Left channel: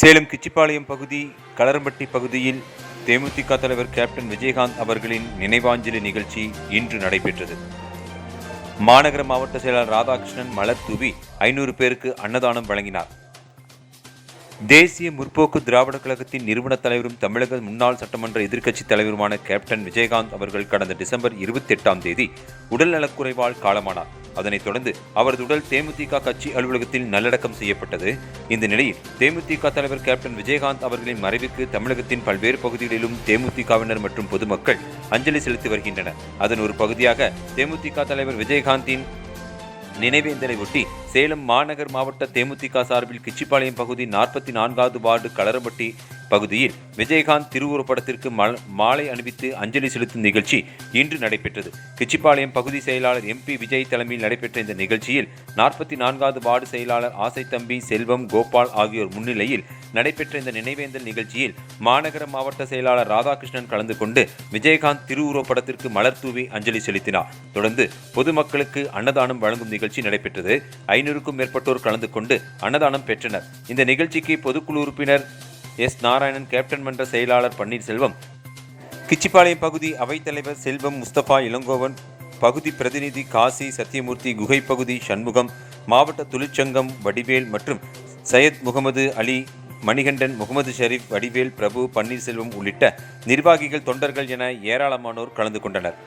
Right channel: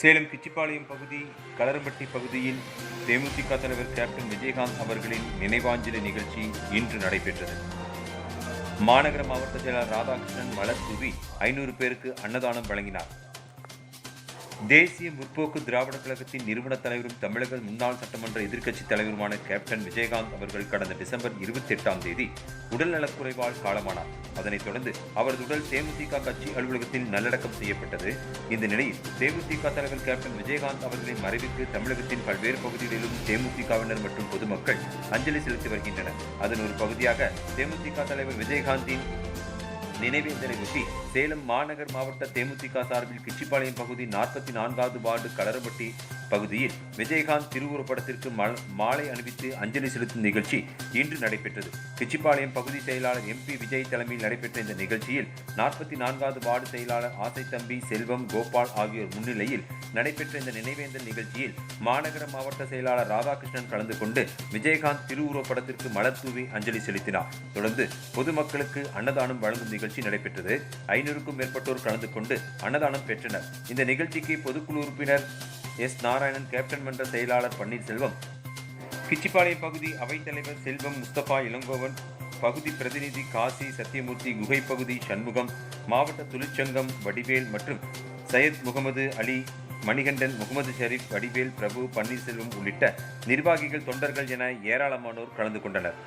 சேலம் கிச்சிபாளையம் பகுதி களரம்பட்டி பகுதியில் தேமுதிக தலைவர் கேப்டன் விஜயகாந்த் அவர்களின் நினைவாஞ்சலி நிகழ்ச்சி இன்று நடைபெற்றது. மாநகர மாவட்ட செயலாளர் ராதாகிருஷ்ணன் மலர் தூவி 500 பேருக்கு அன்னதானம் வழங்கினார். தேசிய முற்போக்கு திராவிட கழகத்தின் நிறுவன தலைவரும் தமிழக முன்னாள் சட்டமன்ற எதிர்க்கட்சித் தலைவருமான கேப்டன் விஜயகாந்த் அவர்கள் கடந்த டிசம்பர் 28ஆம் தேதி உடல்நலக்குறைவால் காலமானார். அதனைத் தொடர்ந்து அவரது உடல் தேமுதிக கட்சி அலுவலகத்தில் நல்லடக்கம் செய்யப்பட்டது. இந்த நிலையில் தேமுதிக தலைவர் கேப்டன் விஜயகாந்த் அவர்களின் மறைவுக்கு தமிழகத்தின் பல்வேறு பகுதிகளிலும் தேமுதிகவினர் மற்றும் பொதுமக்கள் அஞ்சலி செலுத்தி வருகின்றனர். அதன் ஒரு பகுதியாக தேமுதிக தலைவர் விஜயகாந்தின் நினைவேந்தலை ஒட்டி சேலம் மாநகர் மாவட்ட தேமுதிக சார்பில் கிச்சிபாளையம் பகுதி 44வது வார்டு களரம்பட்டி பகுதியில் விஜயகாந்த் திருவுருவப்படத்திற்கு மாலை அணிவித்து அஞ்சலி செலுத்தும் நிகழ்ச்சி இன்று நடைபெற்றது. கிச்சிபாளையம் பகுதி செயலாளர் MP விஜய் தலைமையில் நடைபெற்ற இந்த நிகழ்ச்சியில் 44வது வார்டு செயலாளர் ஆசைத்தம்பி, செல்வம், கோபால் ஆகியோர் முன்னிலையில் நடைபெற்ற இந்த நினைவேந்தல் நிகழ்ச்சியில் மாநகர மாவட்ட செயலாளர் ராதாகிருஷ்ணன் கலந்து கொண்டு விஜயகாந்த் திருவுருவப்படத்திற்கு மலர் தூவி அஞ்சலி செலுத்தினார். தொடர்ந்து பொதுமக்களுக்கு அன்னதானம் வழங்கும் நிகழ்ச்சி நடைபெற்றது. 500க்கும் மேற்பட்டோர் கலந்து கொண்டு அன்னதானம் பெற்றனர். இந்த நிகழ்ச்சிக்கு பொதுக்குழு உறுப்பினர் S. நாராயணன், கேப்டன் மன்ற செயலாளர் பன்னீர்செல்வம், கிச்சிபாளையம் பகுதி அவைத்தலைவர் செல்வம், முஸ்தபா, இளங்கோவன், பகுதி பிரதிநிதி காசி, சத்தியமூர்த்தி, குகை பகுதி சண்முகம், மாவட்ட தொழிற்சங்கம் வடிவேல் மற்றும் சையத் முகமது அலி, மணிகண்டன், முகமது ஷரீப், வடிவேல், பிரபு, பன்னீர்செல்வம் உள்ளிட்ட நிர்வாகிகள், தொண்டர்கள் என ஏராளமானோர் கலந்து கொண்டனர்.